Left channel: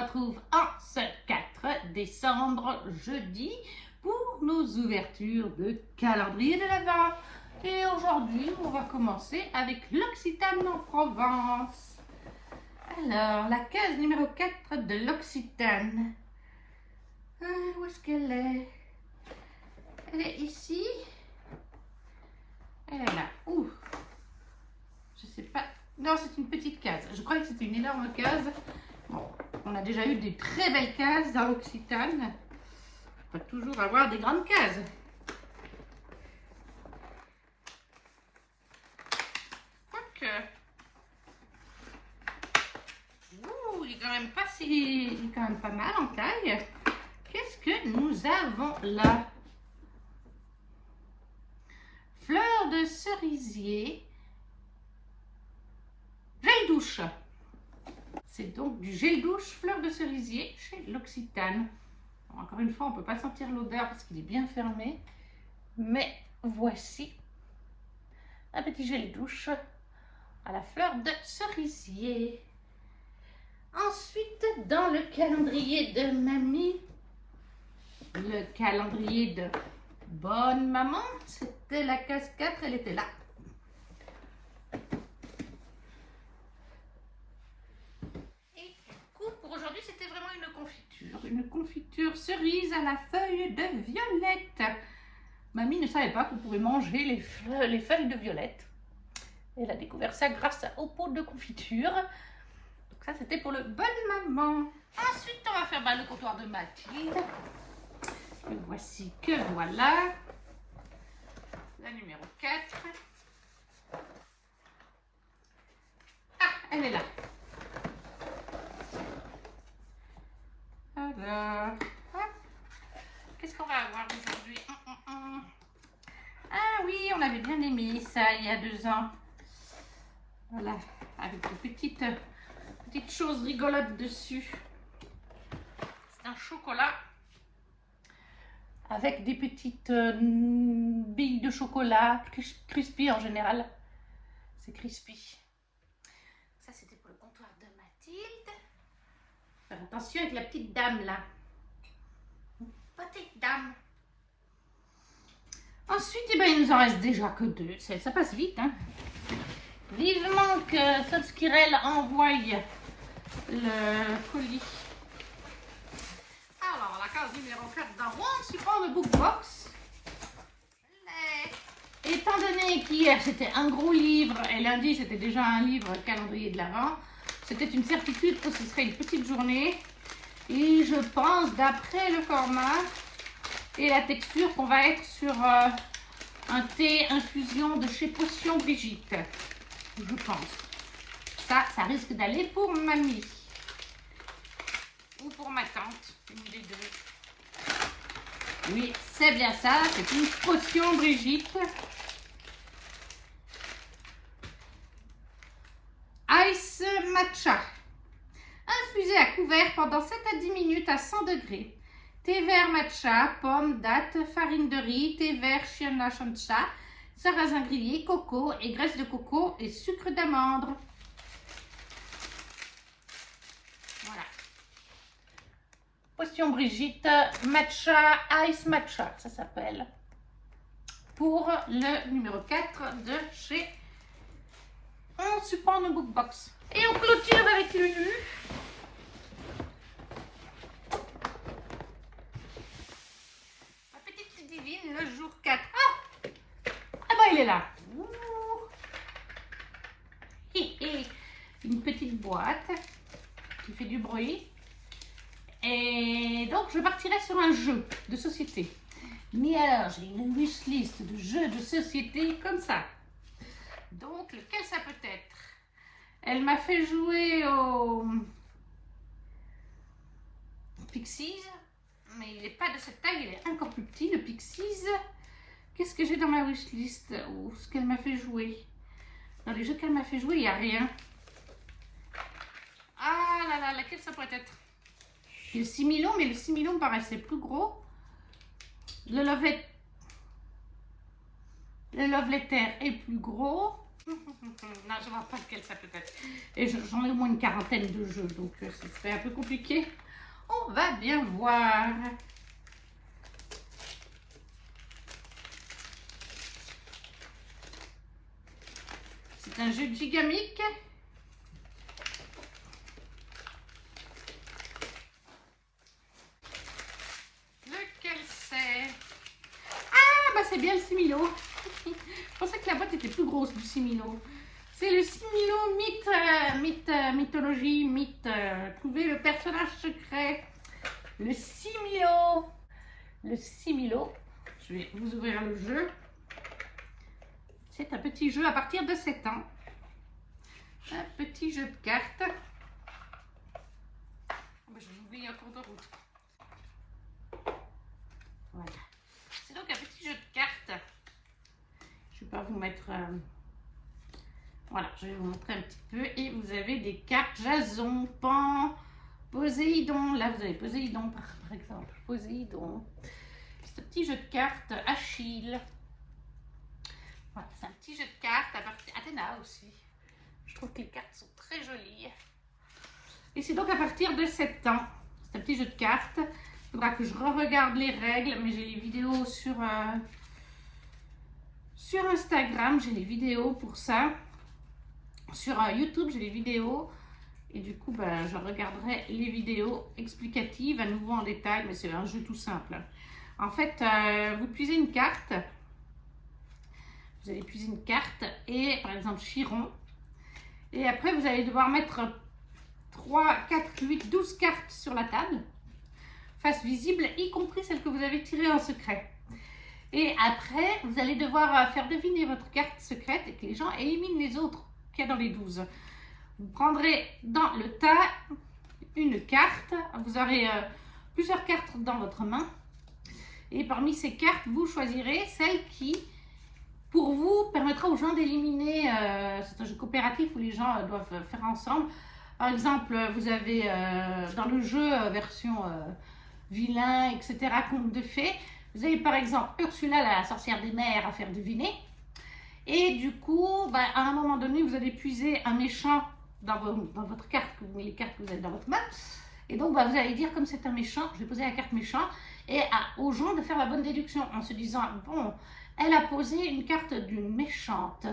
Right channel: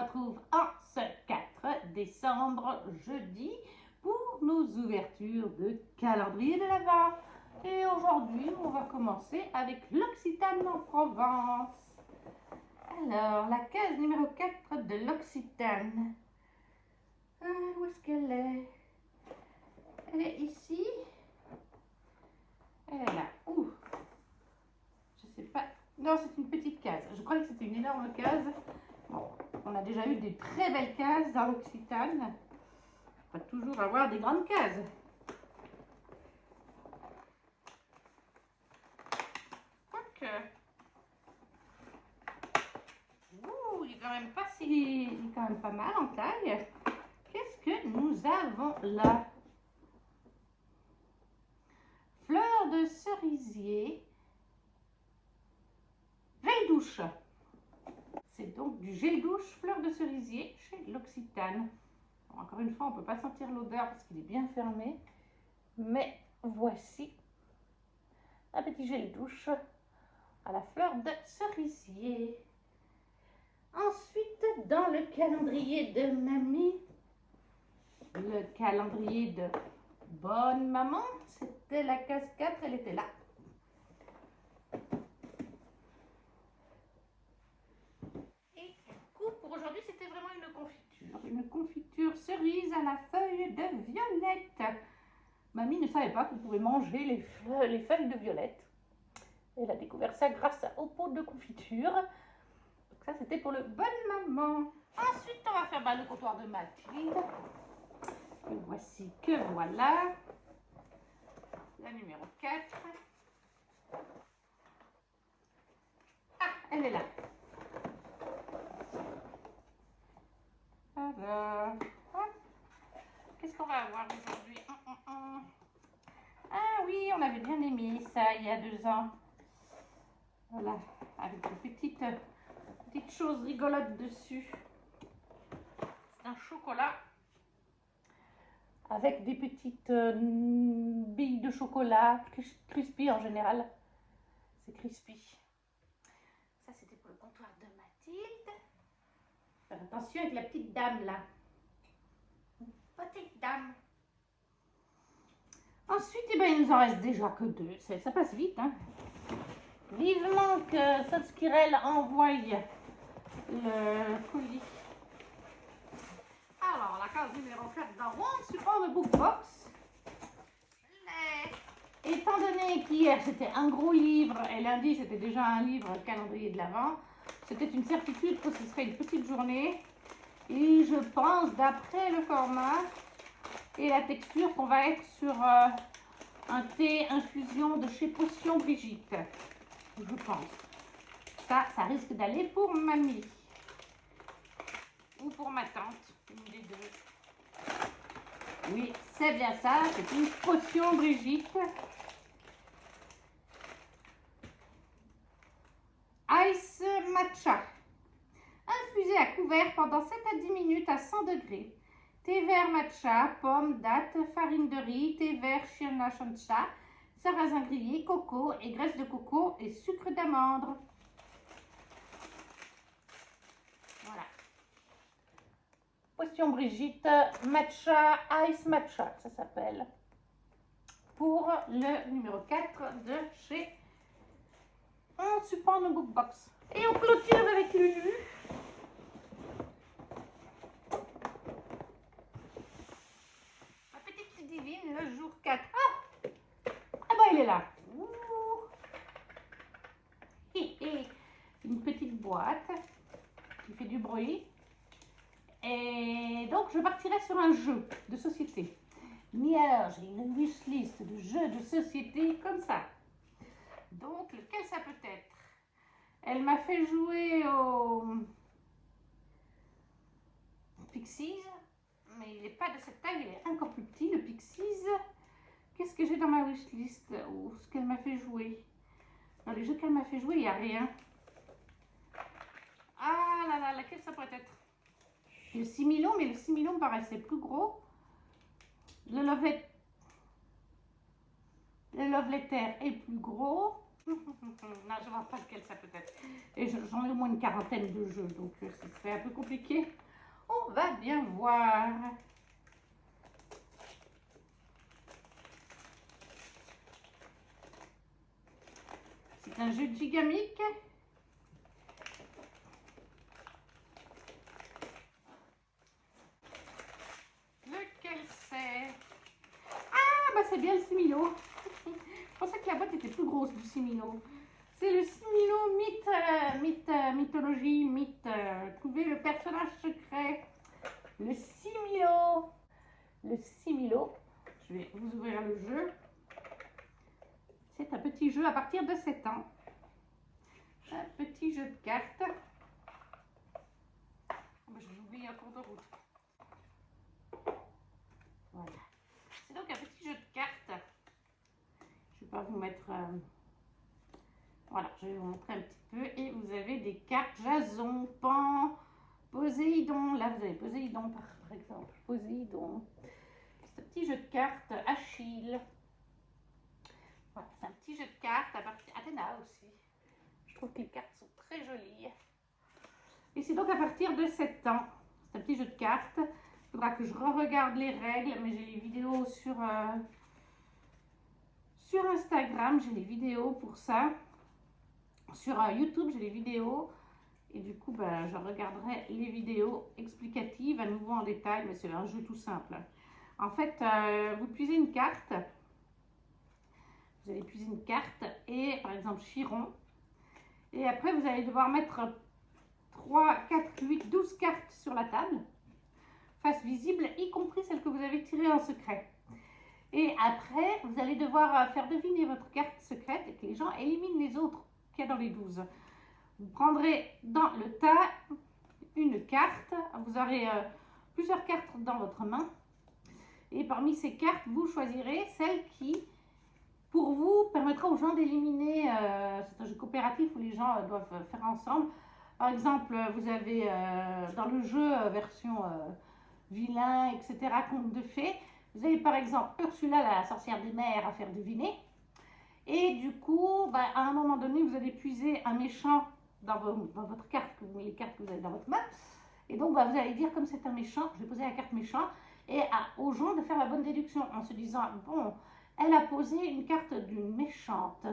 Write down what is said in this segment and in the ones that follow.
retrouve en ce 4 décembre, jeudi, pour nos ouvertures de calendrier de l'Avent. Et aujourd'hui, on va commencer avec l'Occitane en Provence. Alors, la case numéro 4 de l'Occitane. Où est-ce qu'elle est? Elle est ici. Elle est là. Ouh. Je sais pas. Non, c'est une petite case. Je croyais que c'était une énorme case. Bon, on a déjà eu des très belles cases dans l'Occitane. On va toujours avoir des grandes cases. Donc, il est quand même pas si, il est quand même pas mal en taille. Qu'est-ce que nous avons là? Fleur de cerisier, gel douche. C'est donc du gel douche fleur de cerisier chez l'Occitane. Bon, encore une fois, on ne peut pas sentir l'odeur parce qu'il est bien fermé. Mais voici un petit gel douche à la fleur de cerisier. Ensuite, dans le calendrier de mamie, le calendrier de bonne maman, c'était la case 4, elle était là. Et du coup, pour aujourd'hui, c'était vraiment une confiture cerise à la feuille de violette. Mamie ne savait pas qu'on pouvait manger les feuilles de violette. Elle a découvert ça grâce au pot de confiture. Donc ça, c'était pour le bonne maman. Ensuite, on va faire le comptoir de Mathilde. Le voici que voilà. La numéro 4. Ah, elle est là. Alors, qu'est-ce qu'on va avoir aujourd'hui? Ah oui, on avait bien aimé ça il y a 2 ans. Voilà, avec des petites choses rigolotes dessus. C'est un chocolat avec des petites billes de chocolat, crispy en général. C'est crispy. Ça, c'était pour le comptoir de Mathilde. Faire attention avec la petite dame là. Petite dame. Ensuite, il nous en reste déjà que 2. Ça passe vite, hein. Vivement que Subskirel envoie le colis. Alors, la case numéro 4 dans mon support de Bookbox. Étant donné qu'hier c'était un gros livre et lundi c'était déjà un livre calendrier de l'Avent, c'était une certitude que ce serait une petite journée. Et je pense, d'après le format et la texture, qu'on va être sur un thé infusion de chez Potion Brigitte. Je pense. Ça risque d'aller pour mamie. Ou pour ma tante, une des deux. Oui, c'est bien ça, c'est une Potion Brigitte. Ice matcha. Infusé à couvert pendant 7 à 10 minutes à 100 degrés. Thé vert matcha, pomme, date, farine de riz, thé vert Shiona Shancha, sarrasin grillé, coco et graisse de coco et sucre d'amande. Voilà. Potion Brigitte matcha, ice matcha, ça s'appelle. Pour le numéro 4 de chez On Support nos Bookbox. Et on clôture avec Lulu. Ma petite divine, le jour 4. Ah, bah il est là. Une petite boîte qui fait du bruit. Et donc, je partirai sur un jeu de société. Mais alors, j'ai une wishlist de jeux de société comme ça. Donc, lequel ça peut être? Elle m'a fait jouer au Pixies, mais il n'est pas de cette taille, il est encore plus petit, le Pixies. Qu'est-ce que j'ai dans ma wishlist? Ou ce qu'elle m'a fait jouer? Dans les jeux qu'elle m'a fait jouer, il n'y a rien. Ah là là, laquelle ça pourrait être? Le Similon, mais le Similon me paraissait plus gros. Le Love Letter est plus gros. Non, je ne vois pas lequel ça peut être. Et j'en ai au moins une quarantaine de jeux, donc ce serait un peu compliqué. On va bien voir. C'est un jeu de Gigamic. Lequel c'est? Ah, bah c'est bien le Similo. Je pensais que la boîte était plus grosse du Similo. C'est le Similo mythologie, trouver le personnage secret. Le Similo. Le Similo. Je vais vous ouvrir le jeu. C'est un petit jeu à partir de 7 ans. Un petit jeu de cartes. Je vous oublie un cours de route. Voilà. C'est donc un petit jeu de cartes. Je ne vais pas vous mettre... Voilà, je vais vous montrer un petit peu. Et vous avez des cartes Jason, Pan, Poséidon. Là, vous avez Poséidon, par exemple. Poséidon. C'est un petit jeu de cartes. Achille. Voilà, c'est un petit jeu de cartes à partir... Athéna aussi. Je trouve que les cartes sont très jolies. Et c'est donc à partir de 7 ans. C'est un petit jeu de cartes. Il faudra que je re-regarde les règles, mais j'ai les vidéos sur Instagram. J'ai les vidéos pour ça. Sur YouTube, j'ai les vidéos. Et du coup, ben, je regarderai les vidéos explicatives à nouveau en détail, mais c'est un jeu tout simple. En fait, vous puisez une carte. Vous allez puiser une carte et par exemple Chiron. Et après, vous allez devoir mettre 3, 4, 8, 12 cartes sur la table, face visible, y compris celles que vous avez tirées en secret. Et après, vous allez devoir faire deviner votre carte secrète et que les gens éliminent les autres qu'il y a dans les 12. Vous prendrez dans le tas une carte, vous aurez plusieurs cartes dans votre main. Et parmi ces cartes, vous choisirez celle qui, pour vous, permettra aux gens d'éliminer. C'est un jeu coopératif où les gens doivent faire ensemble. Par exemple, vous avez dans le jeu version vilain, etc., conte de fées, vous avez par exemple Ursula, la sorcière des mers, à faire deviner. Et du coup, bah, à un moment donné, vous allez puiser un méchant dans votre carte, les cartes que vous avez dans votre main. Et donc, bah, vous allez dire, comme c'est un méchant, je vais poser la carte méchant, et aux gens de faire la bonne déduction en se disant, bon, elle a posé une carte d'une méchante.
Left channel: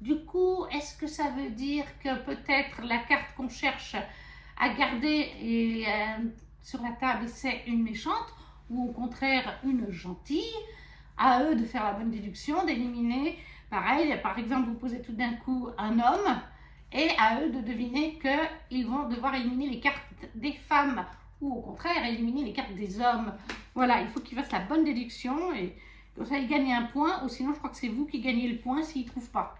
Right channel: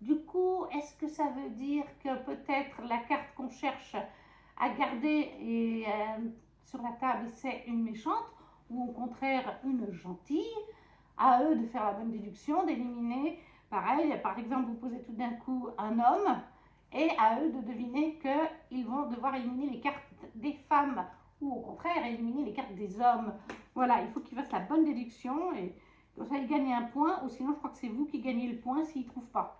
Du coup, est-ce que ça veut dire que peut-être la carte qu'on cherche à garder sur la table, c'est une méchante, ou au contraire une gentille? À eux de faire la bonne déduction, d'éliminer. Pareil, par exemple, vous posez tout d'un coup un homme, et à eux de deviner qu'ils vont devoir éliminer les cartes des femmes, ou au contraire, éliminer les cartes des hommes. Voilà, il faut qu'ils fassent la bonne déduction, et comme ça, ils gagnent un point, ou sinon, je crois que c'est vous qui gagnez le point s'ils ne trouvent pas.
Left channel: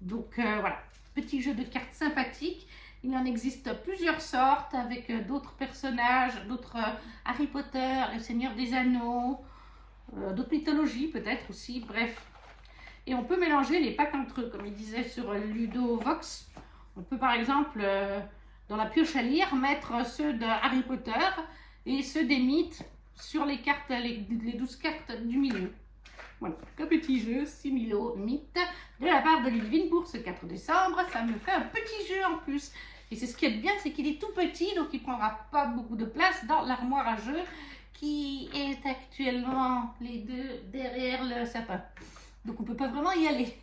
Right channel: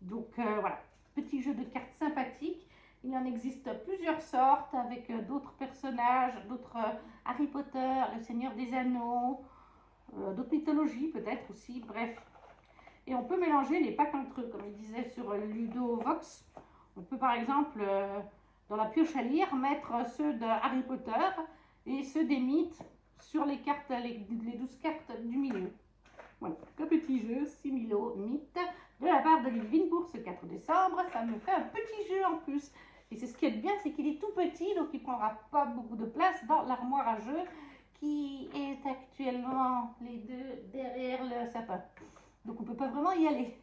Donc, voilà, petit jeu de cartes sympathique. Il en existe plusieurs sortes, avec d'autres personnages, d'autres Harry Potter, le Seigneur des Anneaux, d'autres mythologies peut-être aussi, bref. Et on peut mélanger les packs entre eux, comme il disait sur Ludovox. On peut par exemple, dans la pioche à lire, mettre ceux de Harry Potter et ceux des mythes sur les cartes, les 12 cartes du milieu. Voilà, un petit jeu, Similo mythe, de la part de Ludivine pour ce 4 décembre. Ça me fait un petit jeu en plus. Et c'est ce qui est bien, c'est qu'il est tout petit, donc il ne prendra pas beaucoup de place dans l'armoire à jeu qui est actuellement les deux derrière le sapin. Donc on ne peut pas vraiment y aller.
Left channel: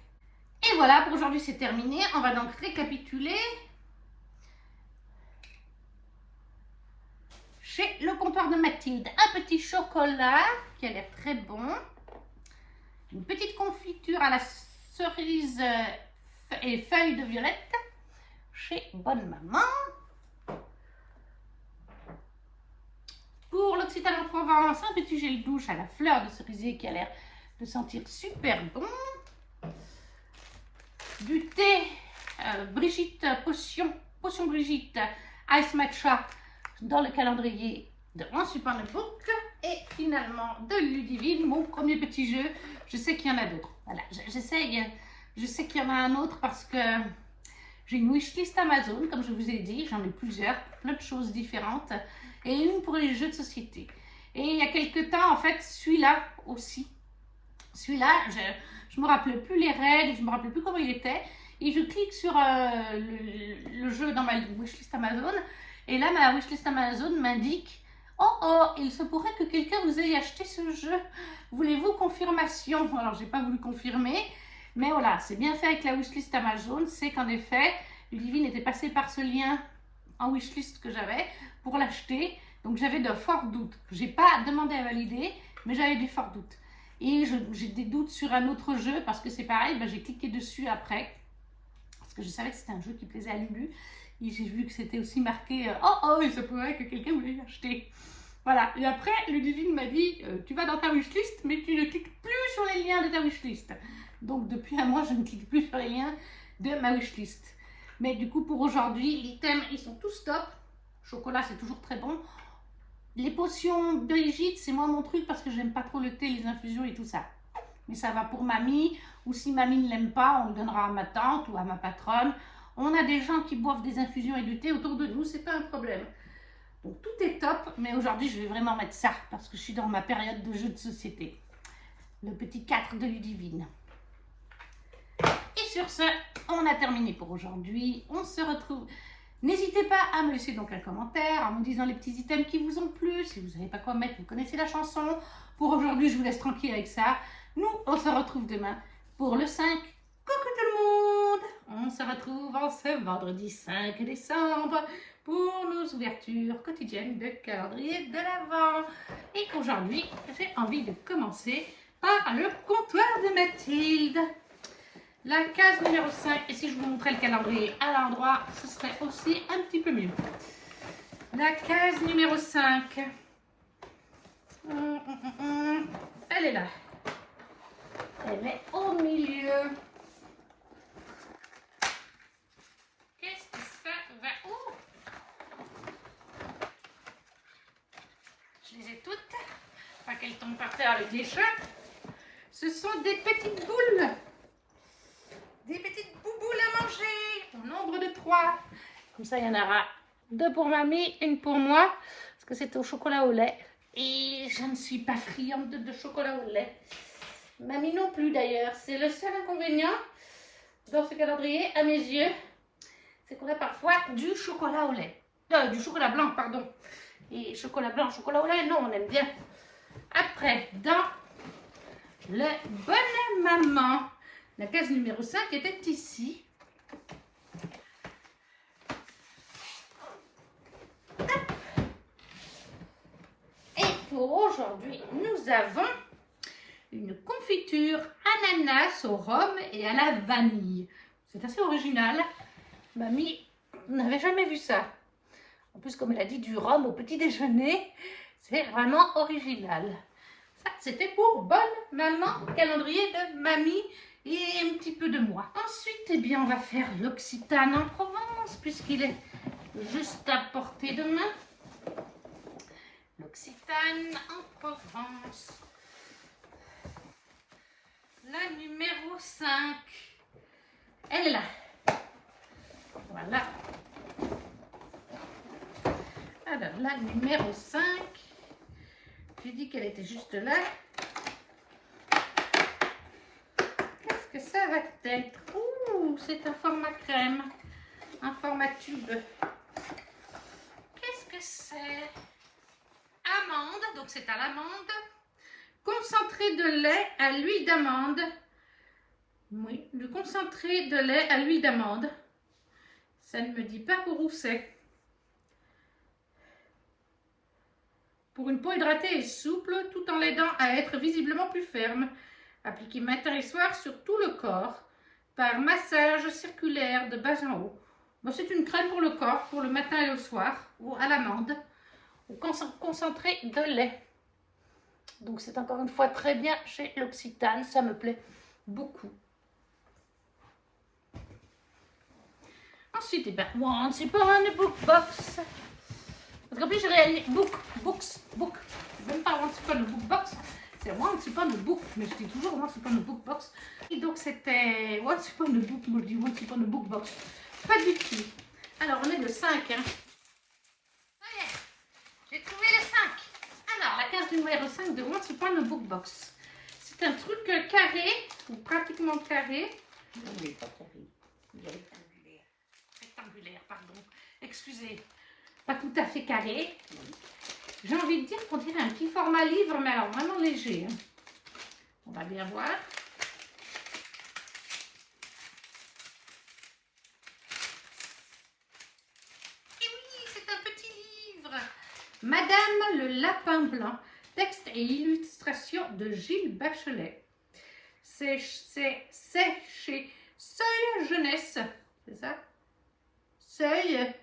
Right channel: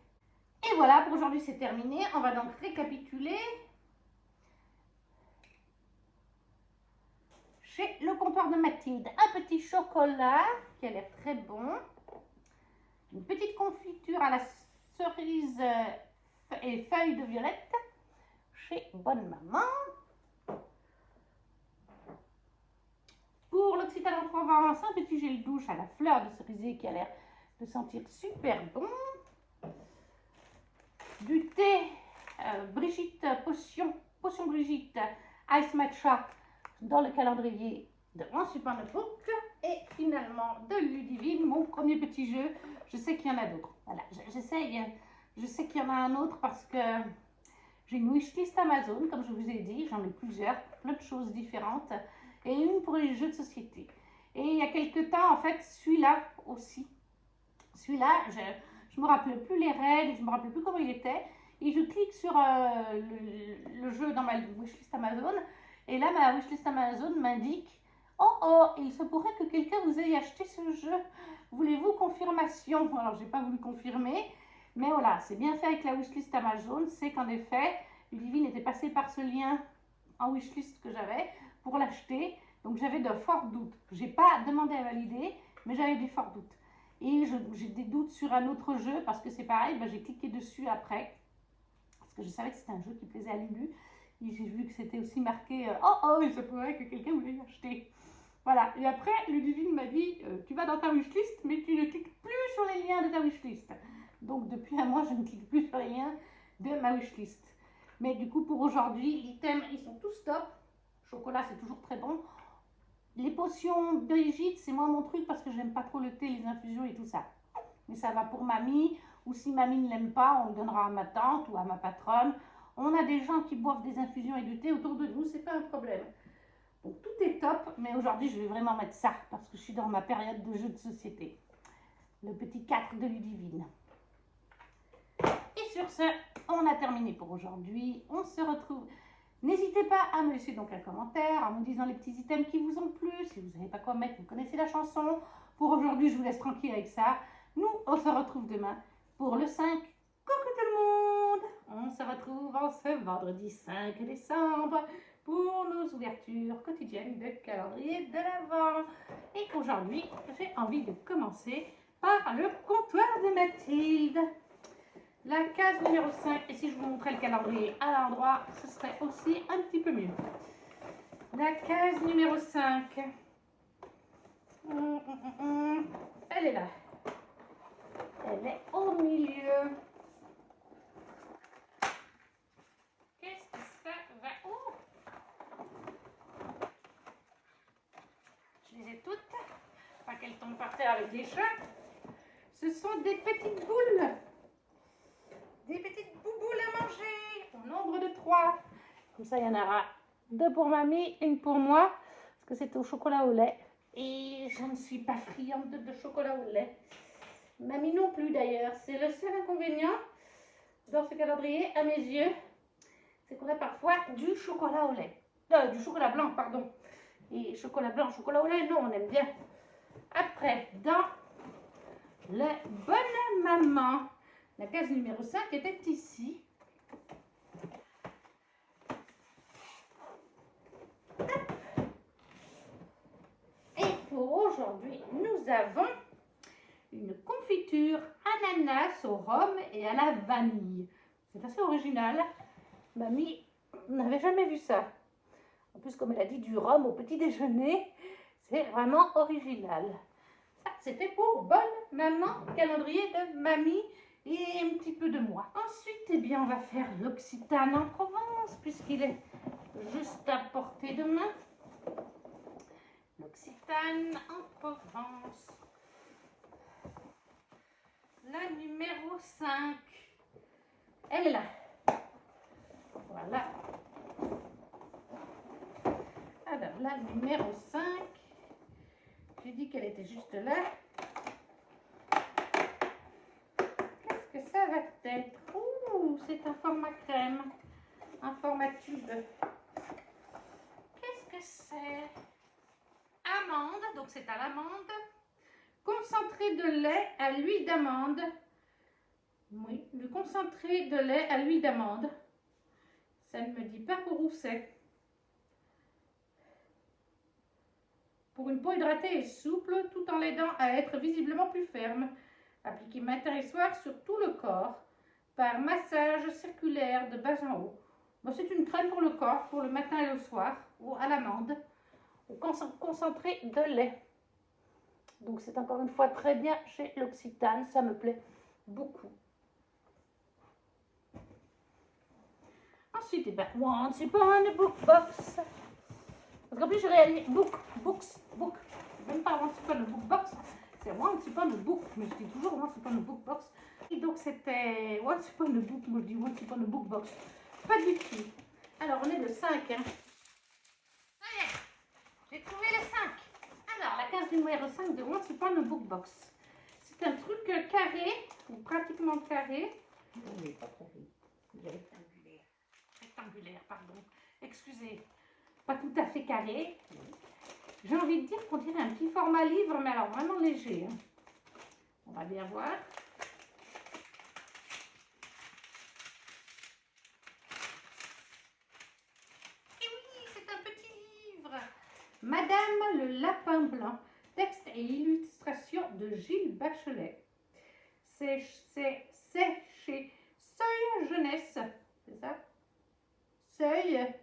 Et voilà, pour aujourd'hui c'est terminé. On va donc récapituler. Chez le comptoir de Mathilde, un petit chocolat qui a l'air très bon. Une petite confiture à la cerise et feuilles de violette chez Bonne Maman. Pour l'Occitane en Provence, un petit gel douche à la fleur de cerisier qui a l'air de sentir super bon. Du thé Brigitte Potion Brigitte Ice Matcha dans le calendrier de One Super Book. Et finalement de Ludivine, mon premier petit jeu. Je sais qu'il y en a d'autres. Voilà, je sais qu'il y en a un autre parce que j'ai une wishlist Amazon, comme je vous ai dit. J'en ai plusieurs, plein de choses différentes. Et une pour les jeux de société. Et il y a quelques temps, en fait, celui-là aussi. Celui-là, je ne me rappelais plus les règles, je ne me rappelais plus comment il était. et je clique sur le jeu dans ma wishlist Amazon. Et là, ma wishlist Amazon m'indique: oh oh, il se pourrait que quelqu'un vous ait acheté ce jeu. Voulez-vous confirmation? Alors, j'ai pas voulu confirmer, mais voilà, c'est bien fait avec la wishlist Amazon. C'est qu'en effet, Ludivine était passée par ce lien en wishlist que j'avais pour l'acheter. Donc, j'avais de forts doutes. J'ai pas demandé à valider, mais j'avais des forts doutes. Et j'ai des doutes sur un autre jeu parce que c'est pareil, ben, j'ai cliqué dessus après parce que je savais que c'était un jeu qui plaisait à Lulu. Et j'ai vu que c'était aussi marqué oh oh, il se pourrait que quelqu'un voulait l'acheter. Voilà. Et après, Ludivine m'a dit tu vas dans ta wishlist, mais tu ne cliques plus sur les liens de ta wishlist. Donc depuis un mois, je ne clique plus sur les liens de ma wishlist. Mais du coup, pour aujourd'hui, les thèmes, ils sont tous top. Chocolat, c'est toujours très bon. Les potions Brigitte, c'est moi mon truc parce que j'aime pas trop le thé, les infusions et tout ça. Mais ça va pour mamie, ou si mamie ne l'aime pas, on le donnera à ma tante ou à ma patronne. On a des gens qui boivent des infusions et du thé autour de nous, c'est pas un problème. Donc tout est top, mais aujourd'hui je vais vraiment mettre ça parce que je suis dans ma période de jeu de société. Le petit 4 de Ludivine. Et sur ce, on a terminé pour aujourd'hui. On se retrouve. N'hésitez pas à me laisser donc un commentaire en me disant les petits items qui vous ont plu. Si vous ne savez pas quoi mettre, vous connaissez la chanson. Pour aujourd'hui, je vous laisse tranquille avec ça. Nous, on se retrouve demain pour le 5. Coucou tout le monde! On se retrouve en ce vendredi 5 décembre pour nos ouvertures quotidiennes de calendrier de l'Avent. Et aujourd'hui, j'ai envie de commencer par le comptoir de Mathilde. La case numéro 5, et si je vous montrais le calendrier à l'endroit, ce serait aussi un petit peu mieux. La case numéro 5, elle est là. Elle est au milieu. Qu'est-ce que ça va? Oh, je les ai toutes. Pas qu'elles tombent par terre avec les chats. Ce sont des petites boules. Des petites bouboules à manger. Au nombre de 3. Comme ça, il y en aura 2 pour mamie, 1 pour moi. Parce que c'est au chocolat au lait. Et je ne suis pas friande de chocolat au lait. Mamie non plus d'ailleurs. C'est le seul inconvénient dans ce calendrier, à mes yeux. C'est qu'on a parfois du chocolat au lait. Du chocolat blanc, pardon. Et chocolat blanc, chocolat au lait, non, on aime bien. Après, dans le Bonne Maman, la case numéro 5 était ici. Et pour aujourd'hui, nous avons une confiture ananas au rhum et à la vanille. C'est assez original. Mamie n'avait jamais vu ça. En plus, comme elle a dit, du rhum au petit déjeuner, c'est vraiment original. Ça, c'était pour Bonne Maman, calendrier de mamie et un petit peu de moi. Ensuite, eh bien, on va faire l'Occitane en Provence, puisqu'il est juste à portée de main. L'Occitane en Provence. La numéro 5. Elle est là. Voilà. Alors, la numéro 5. J'ai dit qu'elle était juste là. Qu'est-ce que ça va être? Ouh, c'est un format crème. Un format tube. Qu'est-ce que c'est? Amande, donc c'est à l'amande. Concentré de lait à l'huile d'amande. Oui, du concentré de lait à l'huile d'amande. Ça ne me dit pas pour où c'est. Pour une peau hydratée et souple, tout en l'aidant à être visiblement plus ferme. Appliquez matin et soir sur tout le corps, par massage circulaire de bas en haut. Bon, c'est une crème pour le corps, pour le matin et le soir, ou à l'amande, ou concentré de lait. Donc c'est encore une fois très bien chez l'Occitane, ça me plaît beaucoup. Ensuite, eh ben, Once Upon a Book Box. Parce qu'en plus, j'ai réalisé book. Même pas Once Upon a Book Box, c'est Once Upon a Book. Mais je dis toujours Once Upon a Book Box. Et donc, c'était Once Upon a Book. Moi, je dis Once Upon a Book Box. Pas du tout. Alors, on est le 5. Hein. Ça y est, j'ai trouvé le 5. Alors, la case numéro 5 de Once Upon a Book Box. C'est un truc carré, ou pratiquement carré. Oui, pas carré. excusez, pas tout à fait carré. J'ai envie de dire qu'on dirait un petit format livre, mais alors vraiment léger. Hein. On va bien voir. Et oui, c'est un petit livre. Madame le Lapin Blanc. Texte et illustration de Gilles Bachelet. C'est chez Seuil Jeunesse. C'est ça? Seuil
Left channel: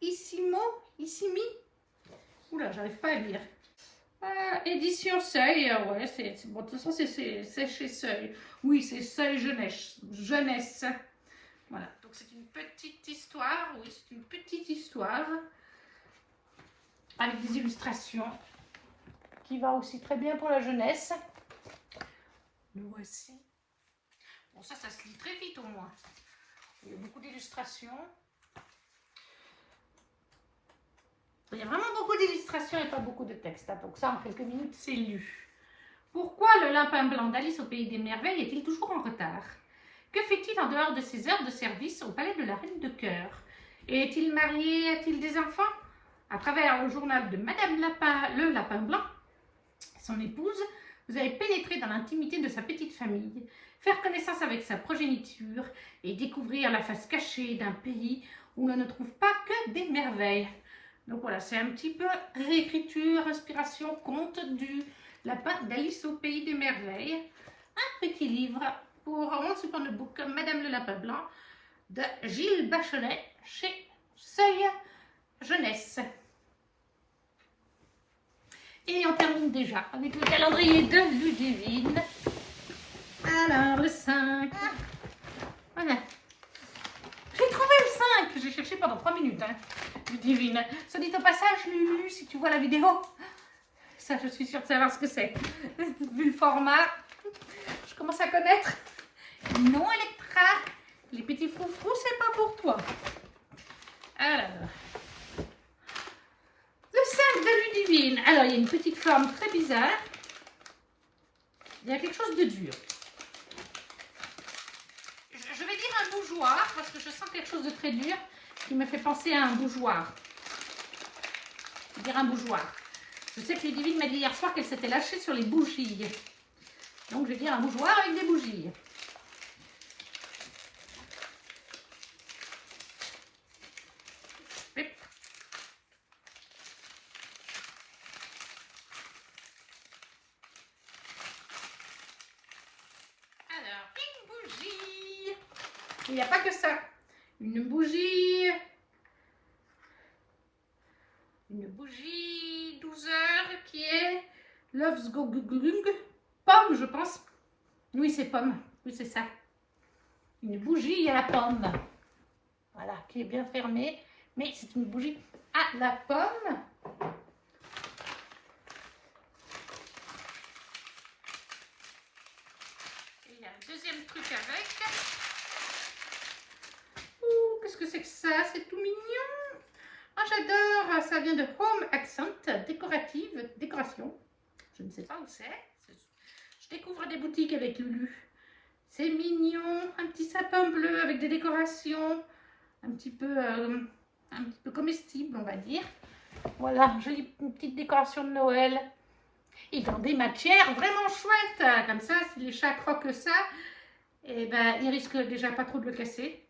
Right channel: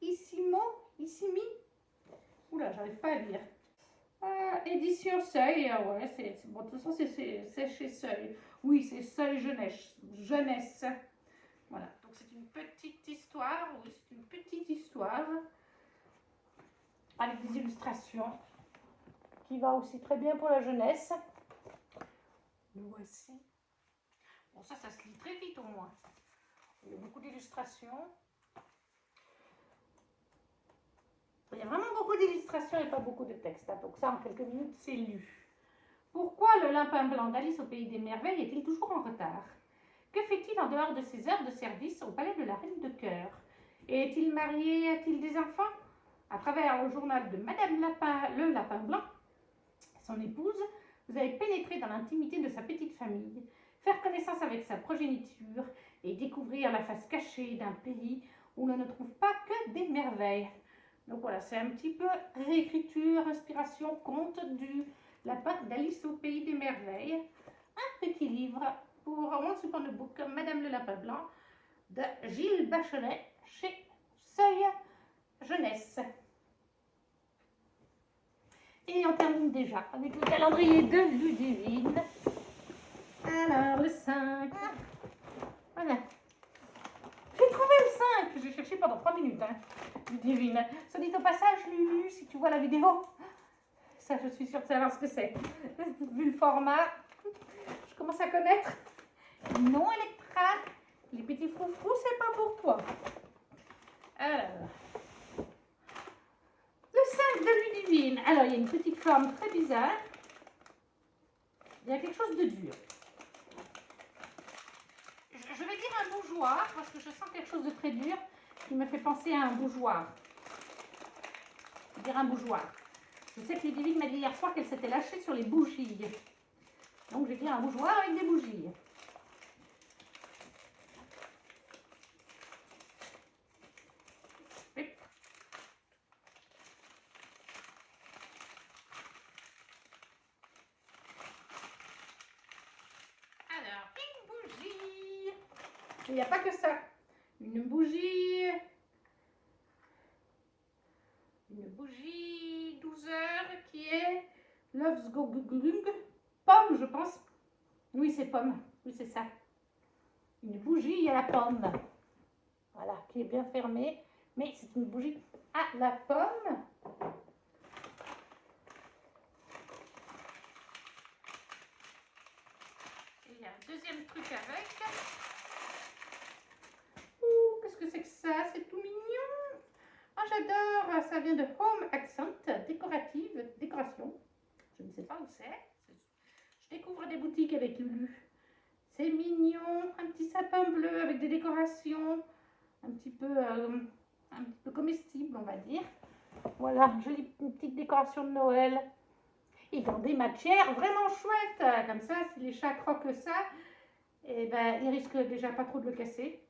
Issimo? Issimi? Oula, j'arrive pas à lire. Édition Seuil, ouais, bon, de toute façon, c'est chez Seuil. Oui, c'est Seuil Jeunesse. Voilà, donc c'est une petite histoire, oui, c'est une petite histoire avec des illustrations qui va aussi très bien pour la jeunesse. Le voici. Bon, ça se lit très vite au moins. Il y a beaucoup d'illustrations. Il y a vraiment beaucoup d'illustrations et pas beaucoup de texte. Donc ça, en quelques minutes, c'est lu. Pourquoi le lapin blanc d'Alice au Pays des Merveilles est-il toujours en retard? Que fait-il en dehors de ses heures de service au palais de la Reine de Cœur? Est-il marié? A-t-il des enfants? À travers le journal de Madame le Lapin Blanc, son épouse, vous allez pénétrer dans l'intimité de sa petite famille, faire connaissance avec sa progéniture et découvrir la face cachée d'un pays où l'on ne trouve pas que des merveilles. Donc voilà, c'est un petit peu réécriture, inspiration, conte du lapin d'Alice au Pays des Merveilles. Un petit livre pour Once Upon a Book, Madame le Lapin Blanc, de Gilles Bachelet, chez Seuil Jeunesse. Et on termine déjà avec le calendrier de Ludivine. Alors, le 5. Voilà. J'ai trouvé le 5. J'ai cherché pendant 3 minutes. Hein. Ludivine. Ça dit au passage, Lulu, si tu vois la vidéo. Ça, je suis sûre de savoir ce que c'est. Vu le format, je commence à connaître. Non, Electra. Les petits froufrous, c'est pas pour toi. Alors. Le 5 de Ludivine. Alors, il y a une petite forme très bizarre. Il y a quelque chose de dur. Je vais dire un bougeoir, parce que je sens quelque chose de très dur qui me fait penser à un bougeoir. Je vais dire un bougeoir. Je sais que Ludivine m'a dit hier soir qu'elle s'était lâchée sur les bougies. Donc, je vais dire un bougeoir avec des bougies. Il n'y a pas que ça. Une bougie 12 heures qui est Love's Go Glung. Pomme, je pense. Oui, c'est pomme. Oui, c'est ça. Une bougie à la pomme. Voilà, qui est bien fermée. Mais c'est une bougie à la pomme. Et il y a un deuxième truc avec. Qu'est-ce que c'est que ça? C'est tout mignon. Ah, j'adore. Ça vient de Home Accent, décoration. Je ne sais pas où c'est. Je découvre des boutiques avec Lulu. C'est mignon. Un petit sapin bleu avec des décorations. Un petit peu comestible, on va dire. Voilà, jolie petite décoration de Noël. Et dans des matières vraiment chouettes. Comme ça, si les chats croquent ça, eh ben, ils risquent déjà pas trop de le casser.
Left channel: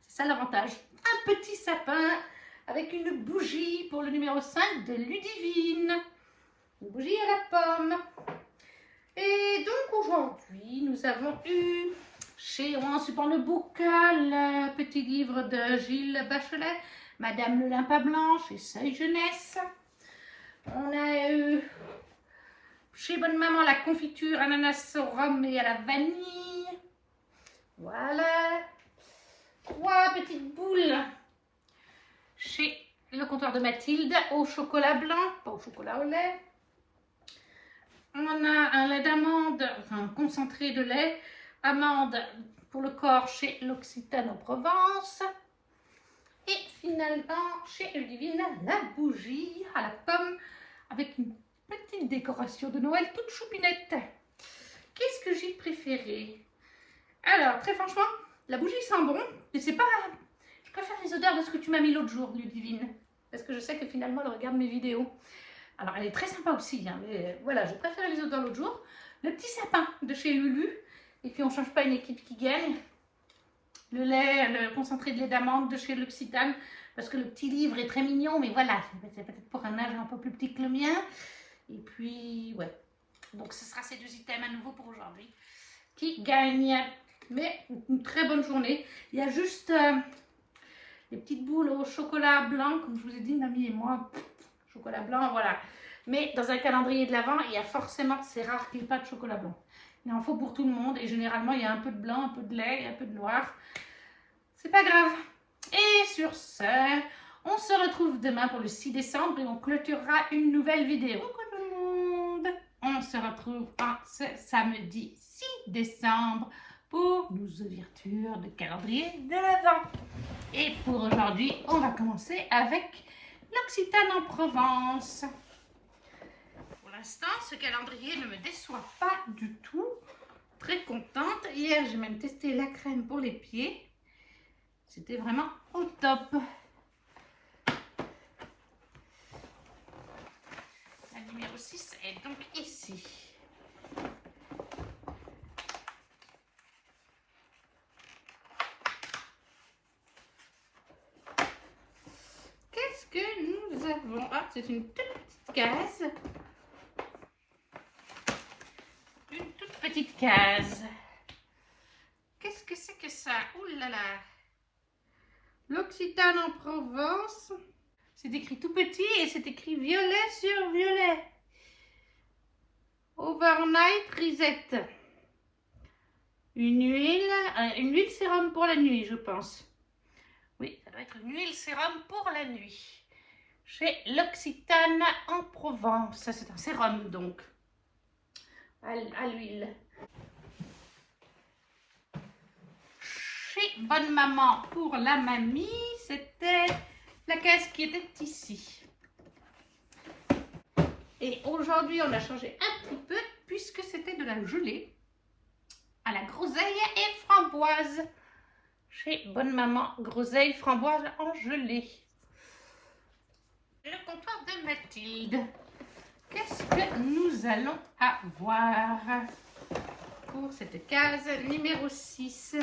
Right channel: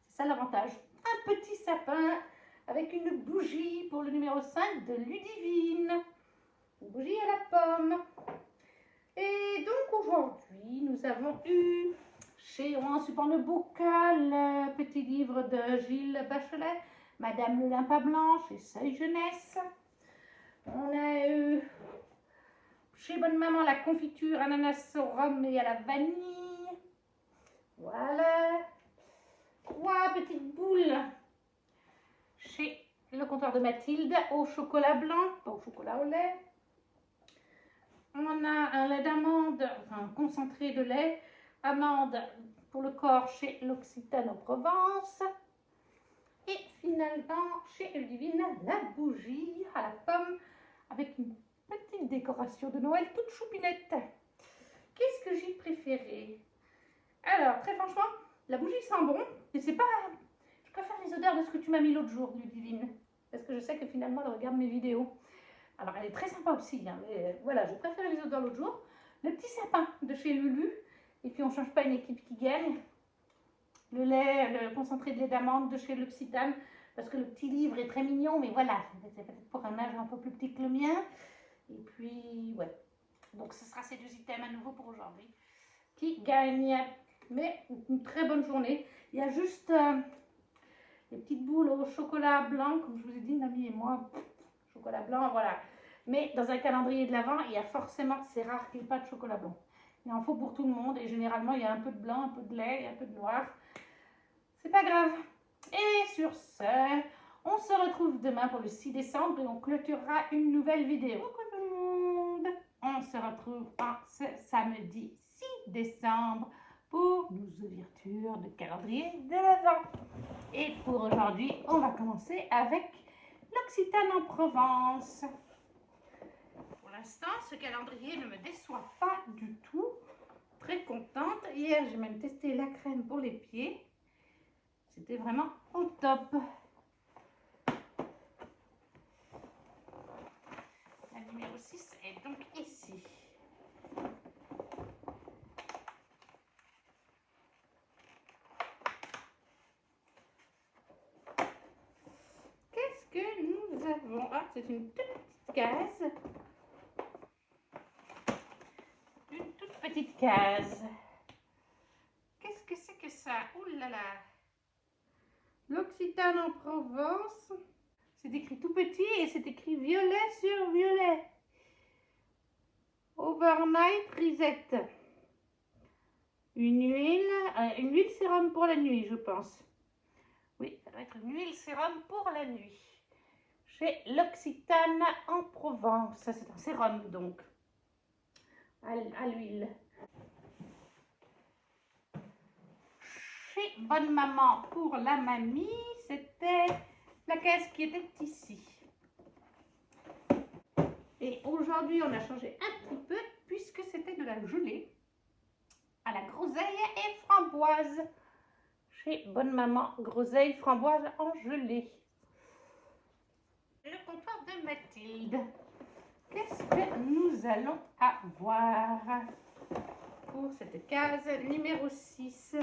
C'est ça l'avantage. Un petit sapin avec une bougie pour le numéro 5 de Ludivine. Une bougie à la pomme. Et donc aujourd'hui, nous avons eu chez Once Upon a Book le petit livre de Gilles Bachelet, Madame le Lapin Blanc, chez Seuil Jeunesse. On a eu chez Bonne Maman la confiture ananas au rhum et à la vanille. Voilà. 3 petites boules chez le comptoir de Mathilde au chocolat blanc, pas au chocolat au lait. On a un lait d'amande, enfin un concentré de lait, amande pour le corps chez l'Occitane en Provence. Et finalement, chez Ludivine, la bougie à la pomme avec une petite décoration de Noël toute choupinette. Qu'est-ce que j'ai préféré? Alors, très franchement, la bougie sent bon, mais c'est pas... préfère les odeurs de ce que tu m'as mis l'autre jour, Ludivine. Parce que je sais que finalement, elle regarde mes vidéos. Alors, elle est très sympa aussi, hein, mais voilà, je préfère les odeurs l'autre jour. Le petit sapin de chez Lulu. Et puis, on ne change pas une équipe qui gagne. Le lait, le concentré de lait d'amande de chez L'Occitane. Parce que le petit livre est très mignon, mais voilà, c'est peut-être pour un âge un peu plus petit que le mien. Et puis, ouais. Donc, ce sera ces deux items à nouveau pour aujourd'hui qui gagnent. Mais une très bonne journée. Il y a juste des petites boules au chocolat blanc, comme je vous ai dit, mamie et moi. Chocolat blanc, voilà. Mais dans un calendrier de l'Avent, il y a forcément, c'est rare qu'il n'y ait pas de chocolat blanc. Il en faut pour tout le monde. Et généralement, il y a un peu de blanc, un peu de lait et un peu de noir. C'est pas grave. Et sur ce, on se retrouve demain pour le 6 décembre et on clôturera une nouvelle vidéo. Coucou tout le monde. On se retrouve ce samedi 6 décembre pour nos ouvertures de calendrier de l'Avent. Et pour aujourd'hui, on va commencer avec l'Occitane en Provence. Pour l'instant, ce calendrier ne me déçoit pas du tout. Très contente. Hier, j'ai même testé la crème pour les pieds. C'était vraiment au top. La numéro 6 est donc ici. Qu'est-ce que nous avons? Ah, c'est une toute petite case. Une toute petite case. Qu'est-ce que c'est que ça? Ouh là là! L'Occitane en Provence. C'est écrit tout petit et c'est écrit violet sur violet. Overnight Reset. Une huile sérum pour la nuit, je pense. Oui, ça doit être une huile sérum pour la nuit. Chez l'Occitane en Provence. Ça, c'est un sérum, donc. À l'huile. Chez Bonne Maman pour la mamie, c'était la caisse qui était ici. Et aujourd'hui, on a changé un petit peu puisque c'était de la gelée à la groseille et framboise. Chez Bonne Maman, groseille, framboise en gelée. Le comptoir de Mathilde. Qu'est-ce que nous allons avoir pour cette case numéro 6?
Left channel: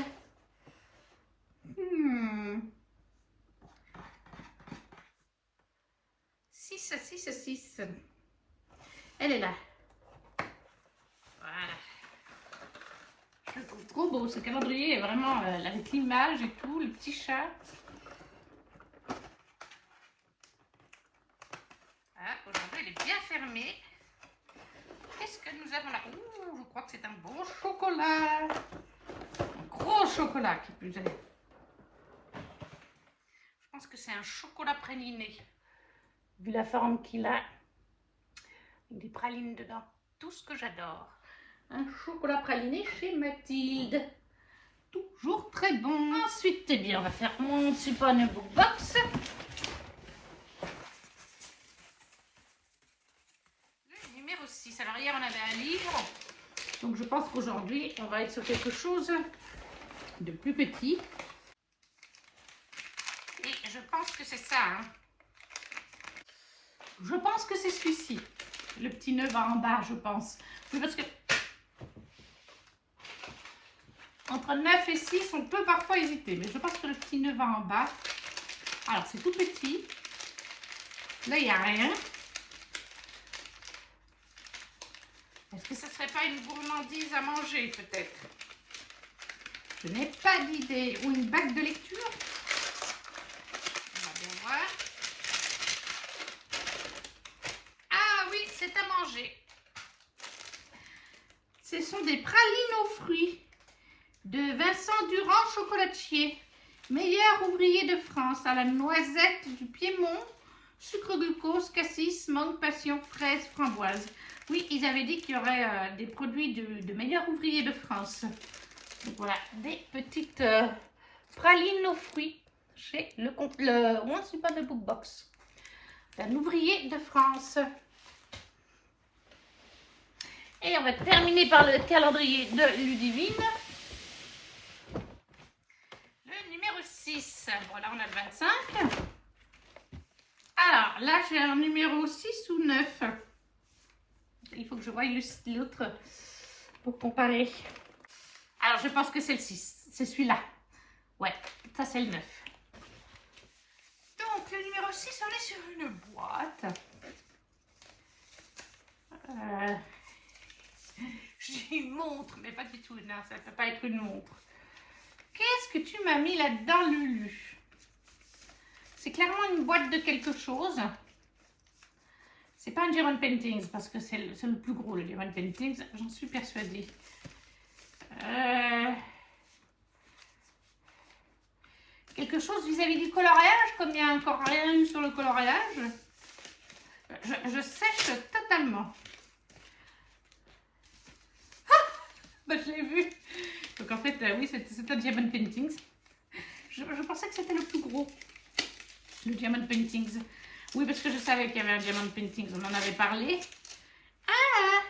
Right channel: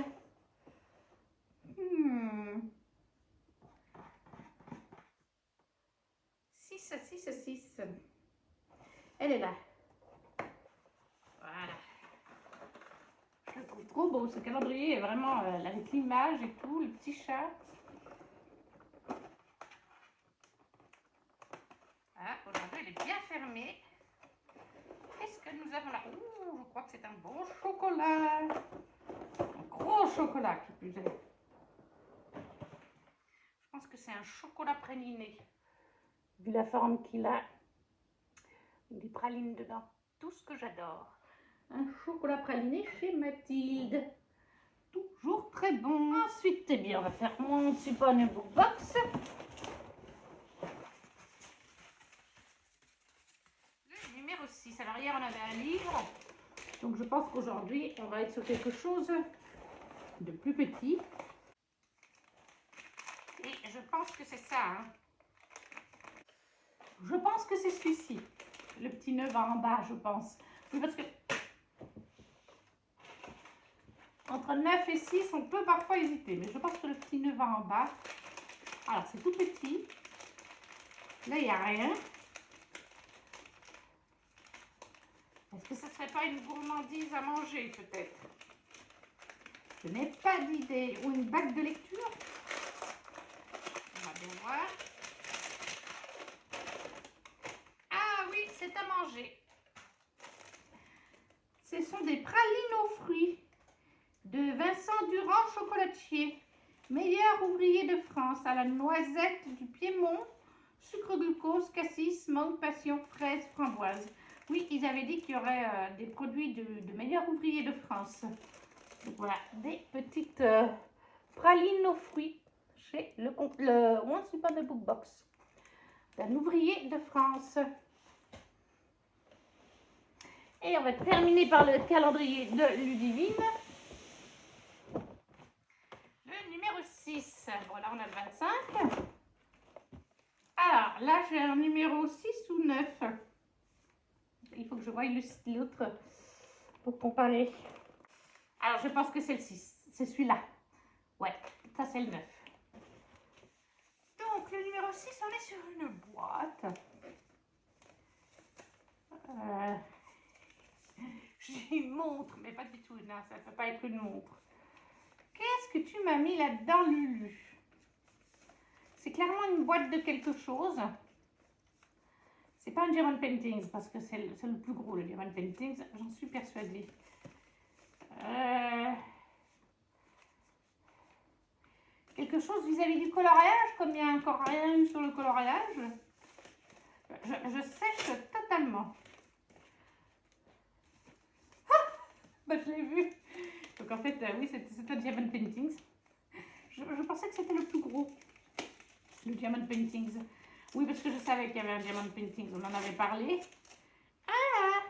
6. Elle est là. Voilà. Je le trouve trop beau. Ce calendrier est vraiment avec l'image et tout, le petit chat. Ah, aujourd'hui, elle est bien fermée. Qu'est-ce que nous avons là? Ouh, je crois que c'est un bon chocolat. Un gros chocolat qui plus est. Je pense que c'est un chocolat praliné. Vu la forme qu'il a. Avec des pralines dedans. Tout ce que j'adore. Un chocolat praliné chez Mathilde. Toujours très bon. Ensuite, eh bien, on va faire mon Super Book Box. Le numéro 6. Alors hier, on avait un livre. Donc je pense qu'aujourd'hui, on va être sur quelque chose de plus petit. Et je pense que c'est ça. Hein. Je pense que c'est celui-ci. Le petit 9 en bas, je pense. Oui, parce que entre 9 et 6, on peut parfois hésiter. Mais je pense que le petit 9 en bas. Alors, c'est tout petit. Là, il n'y a rien. Est-ce que ça ne serait pas une gourmandise à manger, peut-être? Je n'ai pas d'idée. Ou une bague de lecture? On va bien voir. Ah oui, c'est à manger. Ce sont des pralines aux fruits de Vincent Durand, chocolatier. Meilleur ouvrier de France, à la noisette du Piémont, sucre glucose, cassis, mangue, passion, fraise, framboise. Oui, ils avaient dit qu'il y aurait des produits de meilleurs ouvriers de France. Donc voilà, des petites pralines aux fruits chez le Once Upon a Book Box. Un ouvrier de France. Et on va terminer par le calendrier de Ludivine. Le numéro 6. 26. Voilà, on a le 25. Alors, là, j'ai un numéro 6 ou 9. Il faut que je voie l'autre pour comparer. Alors, je pense que c'est le 6. C'est celui-là. Ouais, ça, c'est le 9. Donc, le numéro 6, on est sur une boîte. J'ai une montre, mais pas du tout. Non, ça ne peut pas être une montre. Qu'est-ce que tu m'as mis là-dedans, Lulu? C'est clairement une boîte de quelque chose. C'est pas un Diamond Paintings, parce que c'est le plus gros, le Diamond Paintings. J'en suis persuadée. Quelque chose vis-à-vis du coloriage, comme il n'y a encore rien eu sur le coloriage. Je sèche totalement. Ah, bah, je l'ai vu. Donc en fait, oui, c'est un Diamond Paintings. Je pensais que c'était le plus gros, le Diamond Paintings. Oui, parce que je savais qu'il y avait un Diamond Paintings, on en avait parlé. Ah!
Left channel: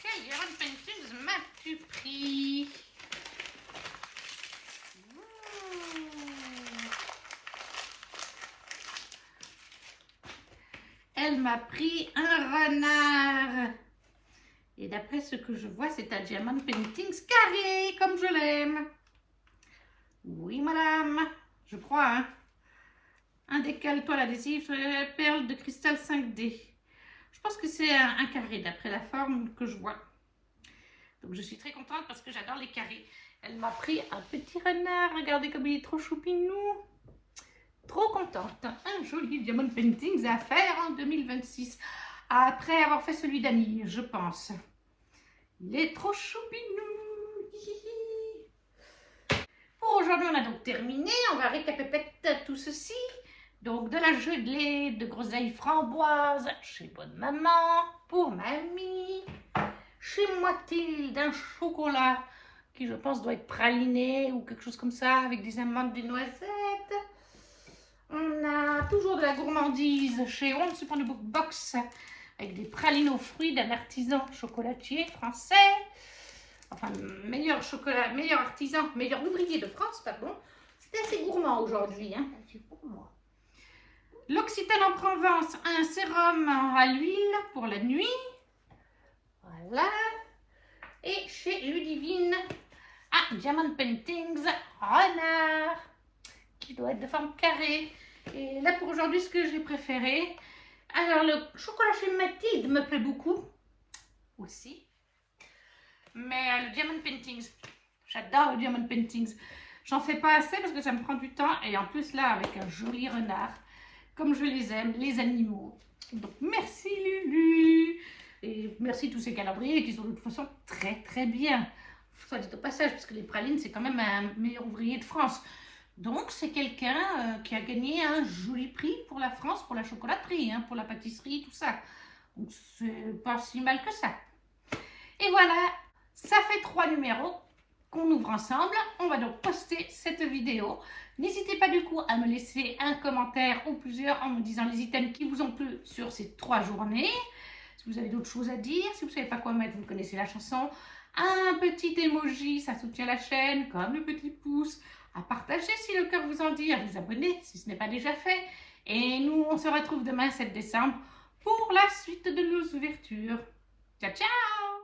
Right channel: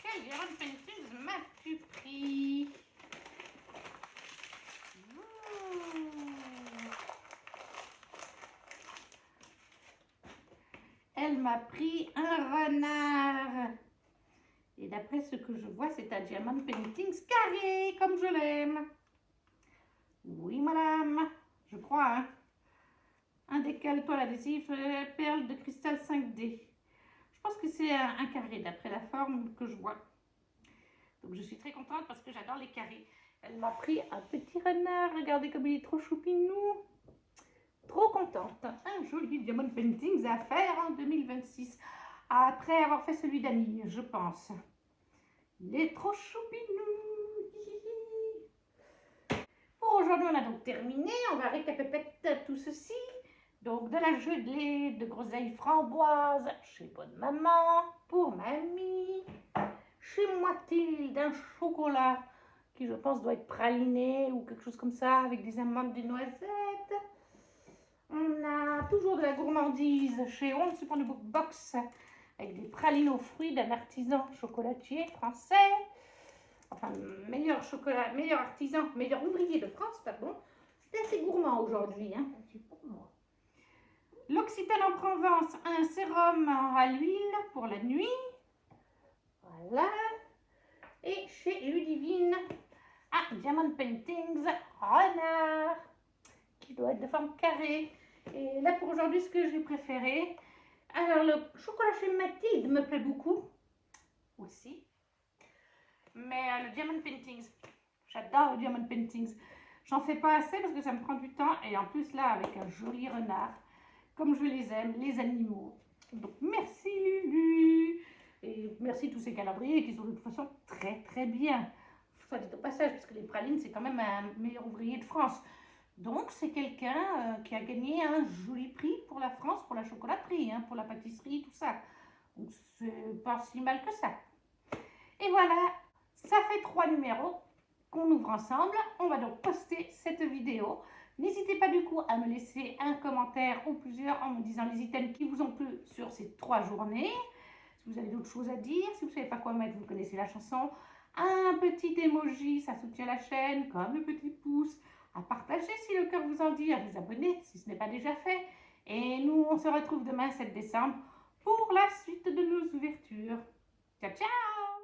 Quel Diamond Paintings m'as-tu pris? Elle m'a pris un renard. Et d'après ce que je vois, c'est un Diamond Paintings carré, comme je l'aime. Oui, madame. Je crois, hein. Un décal, toile adhésive, perle de cristal 5D. Je pense que c'est un carré, d'après la forme que je vois. Donc, je suis très contente parce que j'adore les carrés. Elle m'a pris un petit renard. Regardez comme il est trop choupinou. Trop contente. Un joli Diamond Paintings à faire en 2026. Après avoir fait celui d'Annie, je pense. Il est trop choupinou. Pour aujourd'hui, on a donc terminé. On va récapituler tout ceci. Donc, de la gelée de groseille framboise chez Bonne Maman. Pour mamie. Chez Mathilde, un chocolat qui, je pense, doit être praliné ou quelque chose comme ça, avec des amandes, des noisettes. On a toujours de la gourmandise chez Once Upon a Box, avec des pralines aux fruits d'un artisan chocolatier français. Enfin, meilleur chocolat, meilleur artisan, meilleur ouvrier de France, pardon. C'était assez gourmand aujourd'hui, hein. L'Occitane en Provence, un sérum à l'huile pour la nuit. Voilà. Et chez Ludivine, un Diamond Paintings renard, qui doit être de forme carrée. Et là, pour aujourd'hui, ce que j'ai préféré. Alors, le chocolat chez Mathilde me plaît beaucoup aussi. Mais le Diamond Paintings, j'adore le Diamond Paintings. J'en fais pas assez parce que ça me prend du temps. Et en plus, là, avec un joli renard, comme je les aime, les animaux. Donc, merci Lulu. Et merci tous ces calendriers qui sont de toute façon très très bien. Soit dit au passage, parce que les pralines, c'est quand même un meilleur ouvrier de France. Donc, c'est quelqu'un qui a gagné un joli prix pour la France, pour la chocolaterie, hein, pour la pâtisserie, tout ça. Donc, c'est pas si mal que ça. Et voilà, ça fait 3 numéros qu'on ouvre ensemble. On va donc poster cette vidéo. N'hésitez pas du coup à me laisser un commentaire ou plusieurs en me disant les items qui vous ont plu sur ces 3 journées. Si vous avez d'autres choses à dire, si vous ne savez pas quoi mettre, vous connaissez la chanson. Un petit emoji, ça soutient la chaîne, comme le petit pouce. À partager si le cœur vous en dit, à vous abonner si ce n'est pas déjà fait. Et nous, on se retrouve demain 7 décembre pour la suite de nos ouvertures. Ciao, ciao!